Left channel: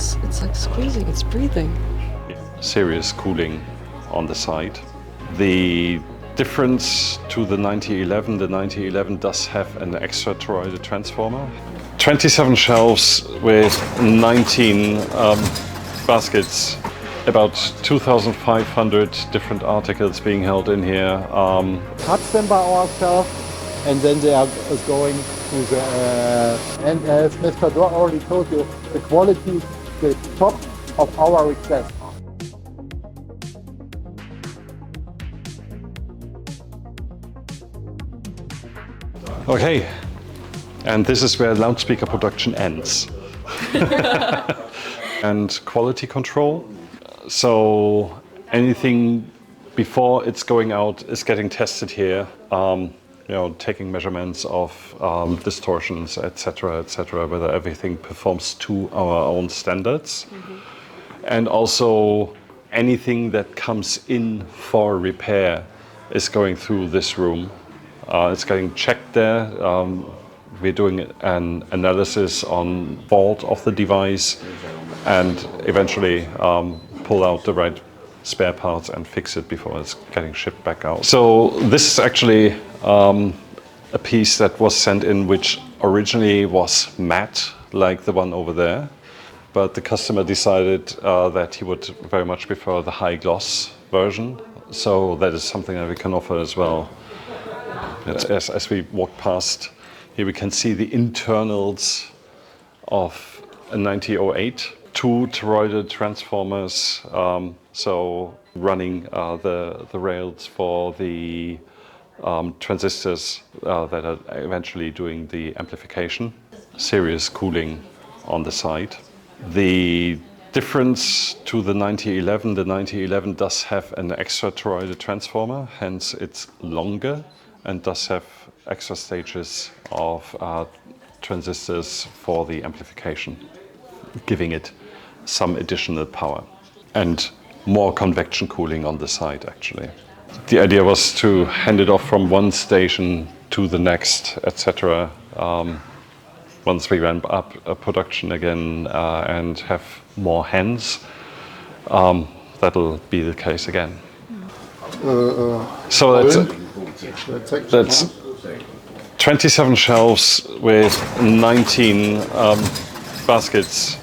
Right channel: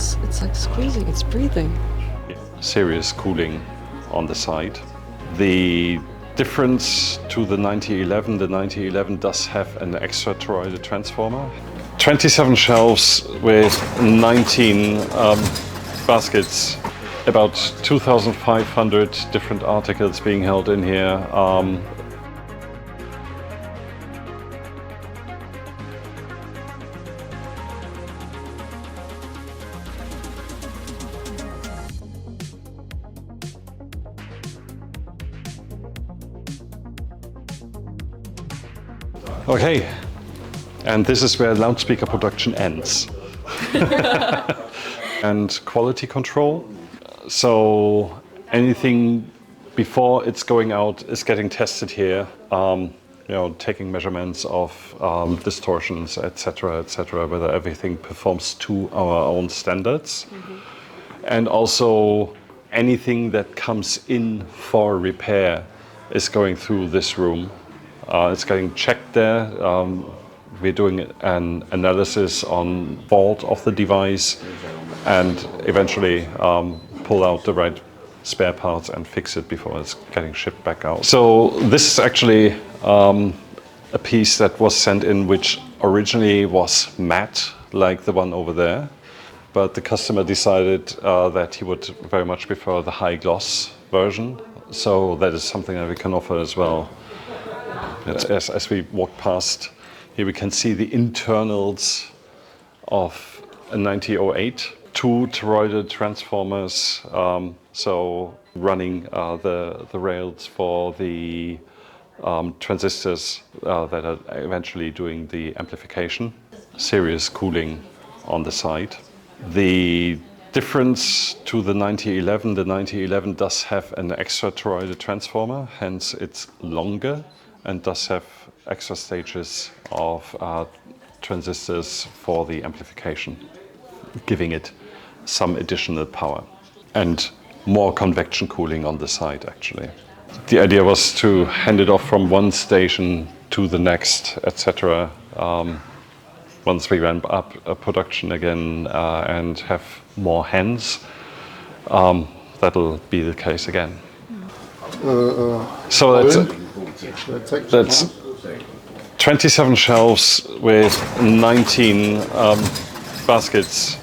It's like squeezing, it's breathing. Serious cooling on the side. The difference to the 9011 does have an extra toroidal transformer. 27 shelves with 19 baskets, about 2,500 different articles being held in here. Touch them by ourselves, and then they are going to the. And as Mr. Dor already told you, the quality is the top of our request. Okay, and this is where loudspeaker production ends. And quality control. So anything before it's going out is getting tested here. Taking measurements of distortions, etc., whether everything performs to our own standards. And also anything that comes in for repair is going through this room. It's getting checked there. We're doing an analysis on fault of the device and eventually pull out the right spare parts and fix it before it's getting shipped back out. So this is actually a piece that was sent in which originally was matte, like the one over there. But the customer decided that he would very much prefer the high gloss version. So that is something that we can offer as well. As we walk past, here we can see the internals of a 9008. Two toroidal transformers, so running the rails for the transistors that are eventually doing the amplification. Serious cooling on the side. The difference to the 9011 does have an extra toroidal transformer, hence it's longer and does have extra stages of transistors for the amplification, giving it some additional power and more convection cooling on the side actually. The idea was to hand it off from one station to the next, etc. Once we ramp up a production again and have more hands, that'll be the case again. So that's 27 shelves with 19 baskets,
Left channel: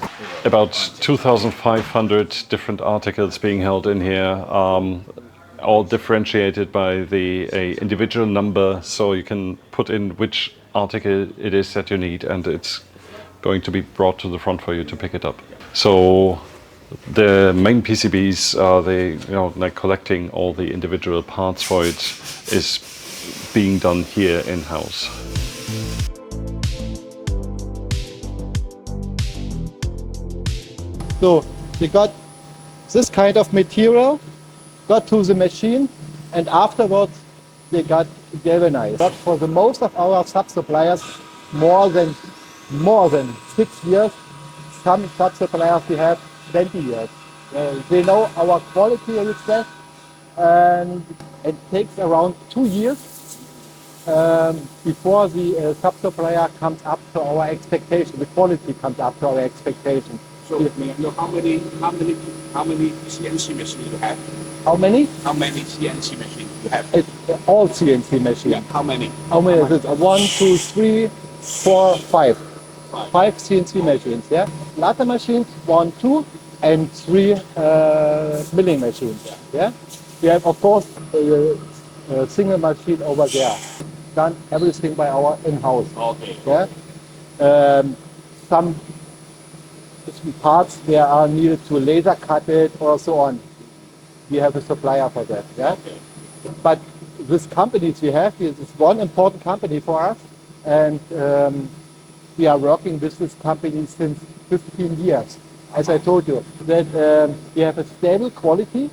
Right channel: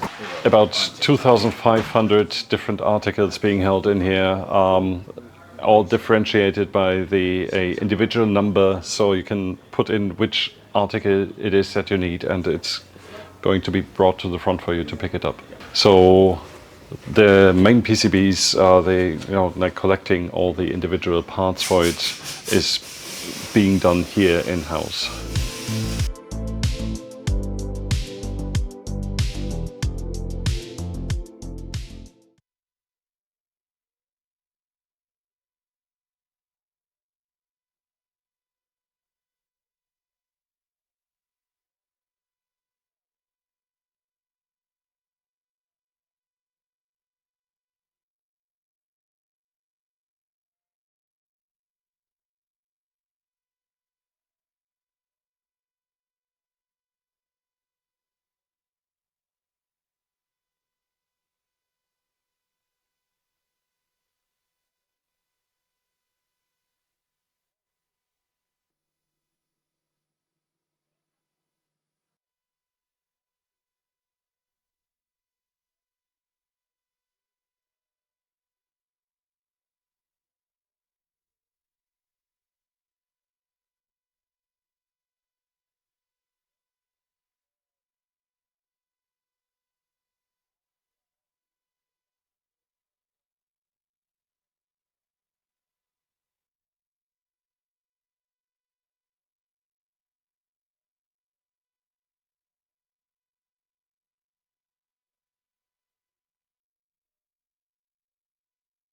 about 2,500 different articles being held in here, all differentiated by the individual number, so you can put in which article it is that you need, and it's going to be brought to the front for you to pick it up. So the main PCBs, like collecting all the individual parts for it, is being done here in-house. So we got this kind of material, got to the machine, and afterwards they got galvanized. But for the most of our sub-suppliers, more than 6 years. Some sub-suppliers we have 20 years. They know our quality request, and it takes around 2 years before the sub-supplier comes up to our expectation. The quality comes up to our expectation. So may I know how many CNC machines you have? How many? How many CNC machines you have? It's all CNC machines. Yeah. How many? How many is it? 1, 2, 3, 4, 5. 5 CNC machines, yeah? Latte machines, 1, 2, and 3 milling machines, yeah? We have, of course, a single machine over there. Done everything by our in-house. Okay. Yeah? Some parts there are needed to laser cut it or so on. We have a supplier for that, yeah? Okay. But this companies we have, is one important company for us, and we are working with this company since 15 years. As I told you, that we have a stable quality.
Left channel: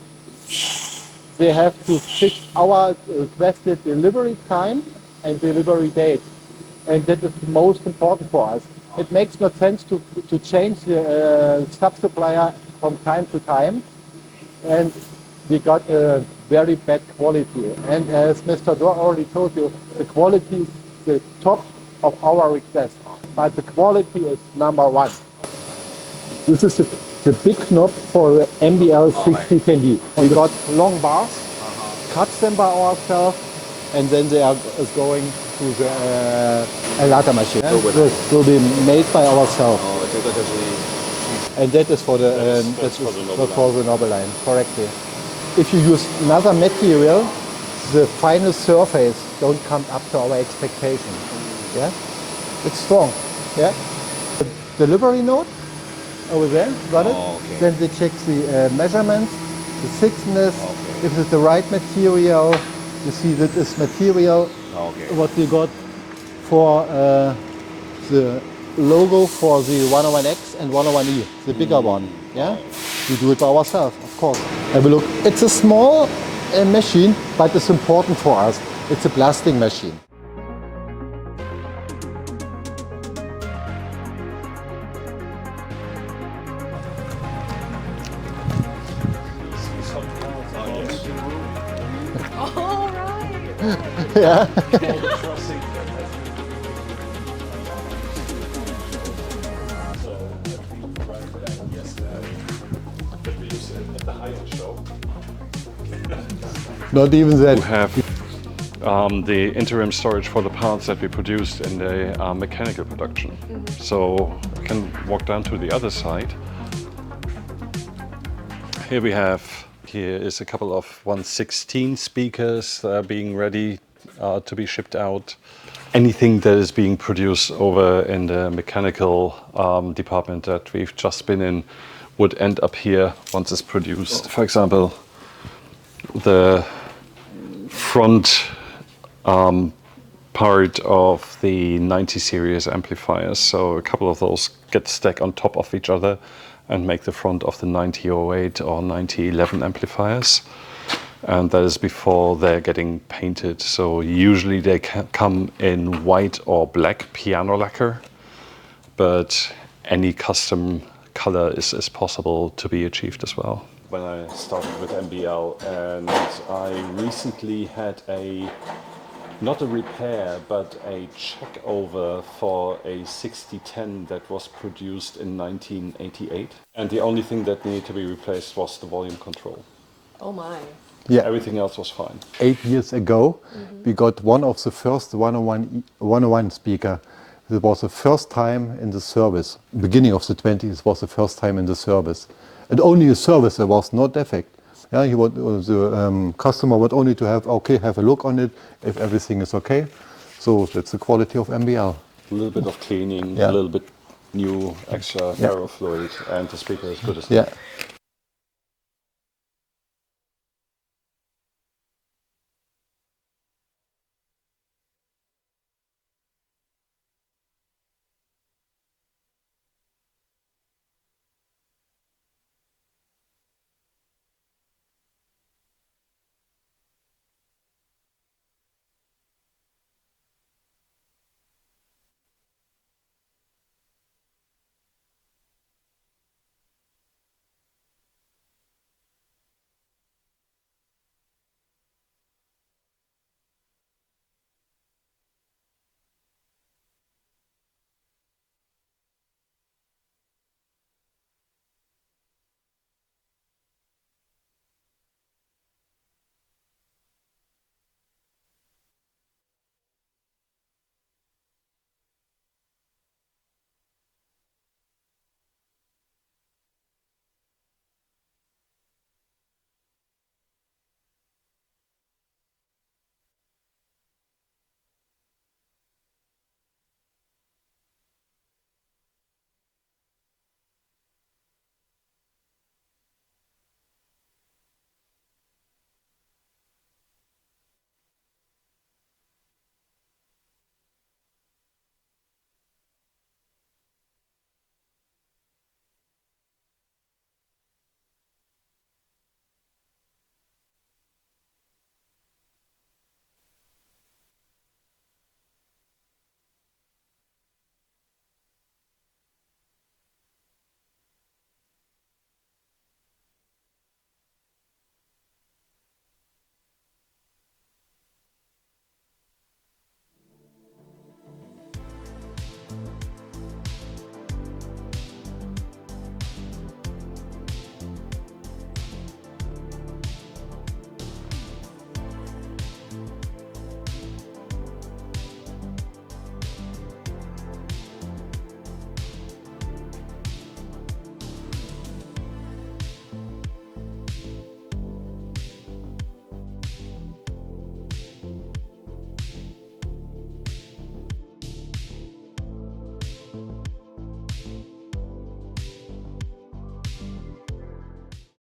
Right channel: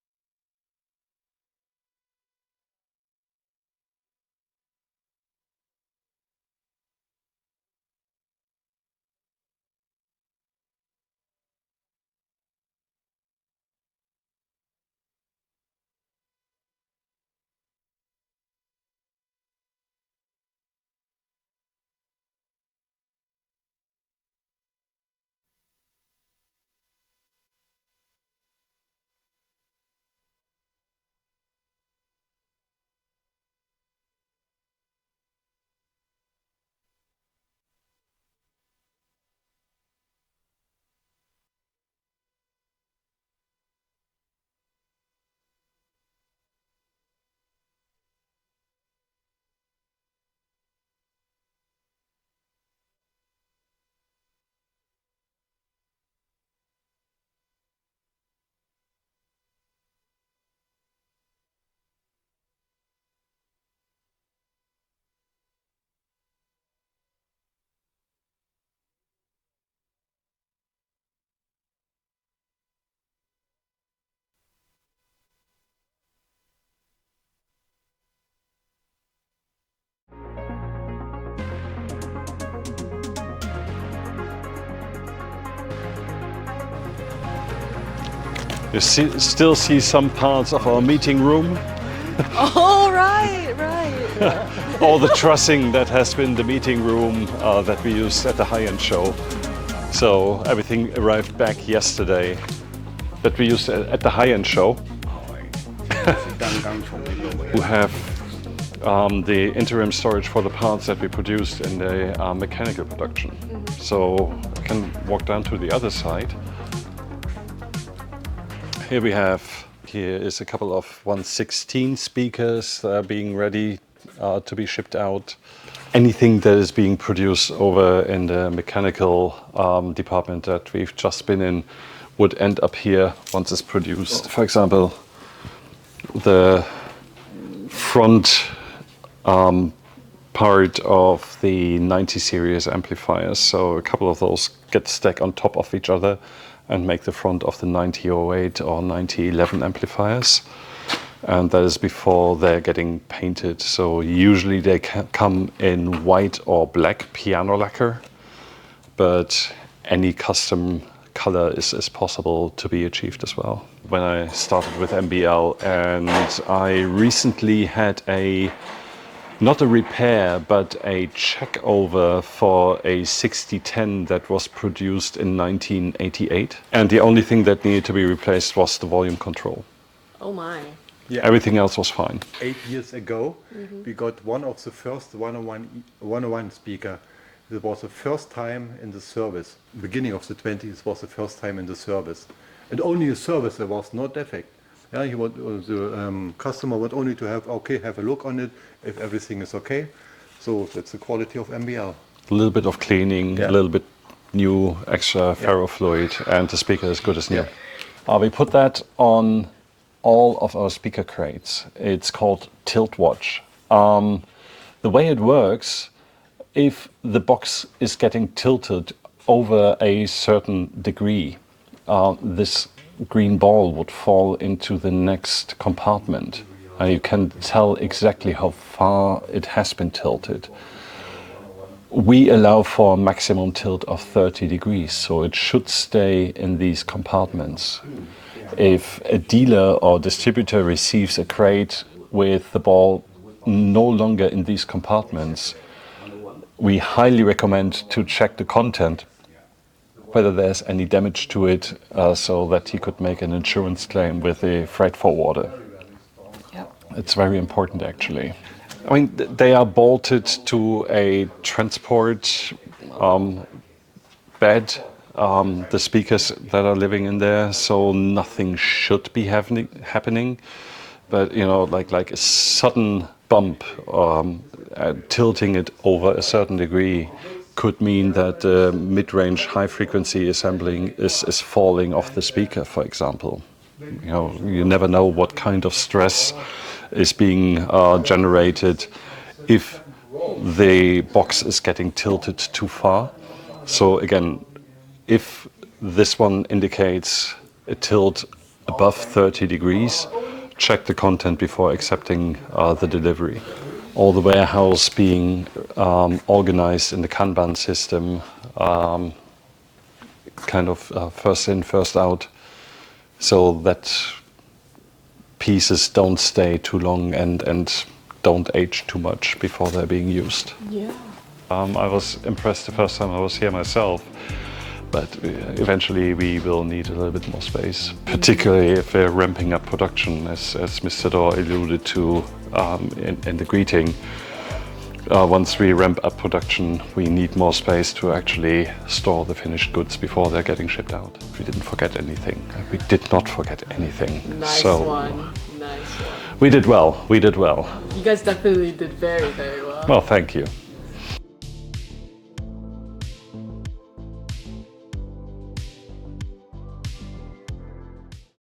They have to fix our requested delivery time and delivery date, and that is the most important for us. It makes no sense to change the sub-supplier from time to time, and we got a very bad quality. And as Mr. Dor already told you, the quality is the top of our request, but the quality is number one. This is the big knob for the MBL 6010D. We got long bars, cut them by ourselves, and then they are going to the Alata machine. This will be made by ourselves. And that is for the knob line, correctly. If you use another material, the final surface don't come up to our expectation. Yeah, it's strong. Yeah, the delivery note over there, got it? Okay. Then they check the measurements, the thickness, if it's the right material. You see that this material, what we got for the logo for the 101X and 101E, the bigger one. Yeah, we do it by ourselves, of course. Have a look. It's a small machine, but it's important for us. It's a blasting machine. You still see some parts of our meeting room. Oh, right. All the trussing that has been the meeting room that we used at the high-end show. So everything arrived back yesterday that we used at the high-end show. Not even that. We have the interim storage for the parts that we produced in the mechanical production. So I can walk down to the other side. Here is a couple of 116 speakers that are being ready to be shipped out. Anything that is being produced over in the mechanical department that we've just been in would end up here once it's produced. For example, the front part of the 90 series amplifiers. So a couple of those get stacked on top of each other and make the front of the 9008 or 9011 amplifiers. And that is before they're getting painted. So usually they come in white or black piano lacquer, but any custom color is possible to be achieved as well. When I started with MBL, and I recently had not a repair, but a check over for a 6010 that was produced in 1988. And the only thing that needed to be replaced was the volume control. Oh my. Yeah. Everything else was fine. 8 years ago, we got one of the first 101 speaker. It was the first time in the service. Beginning of the 20s was the first time in the service. And only a service, there was no defect. Yeah, the customer would only to have a look on it if everything is okay. So that's the quality of MBL. A little bit of cleaning, a little bit new extra ferrofluid, and the speaker is good as new. We put that on all of our speaker crates. It's called Tilt Watch. The way it works, if the box is getting tilted over a certain degree, this green ball would fall into the next compartment. You can tell exactly how far it has been tilted. We allow for a maximum tilt of 30 degrees, so it should stay in these compartments. If a dealer or distributor receives a crate with the ball no longer in these compartments, we highly recommend to check the content, whether there's any damage to it, so that he could make an insurance claim with a freight forwarder. Yep. It's very important, actually. I mean, they are bolted to a transport bed, the speakers that are living in there, so nothing should be happening. But, you know, like a sudden bump, tilting it over a certain degree could mean that the mid-range high-frequency assembling is falling off the speaker, for example. You know, you never know what kind of stress is being generated if the box is getting tilted too far. So again, if this one indicates a tilt above 30 degrees, check the content before accepting the delivery. All the warehouse being organized in the Kanban system, kind of first in, first out, so that pieces don't stay too long and don't age too much before they're being used. Yeah. I was impressed the first time I was here myself but eventually we will need a little bit more space, particularly if we're ramping up production, as Mr. Dor alluded to in the greeting. Once we ramp up production, we need more space to actually store the finished goods before they're getting shipped out. We didn't forget anything. We did not forget anything. Nice so one. Nice one. We did well. We did well. You guys definitely did very, very well. Well, thank you.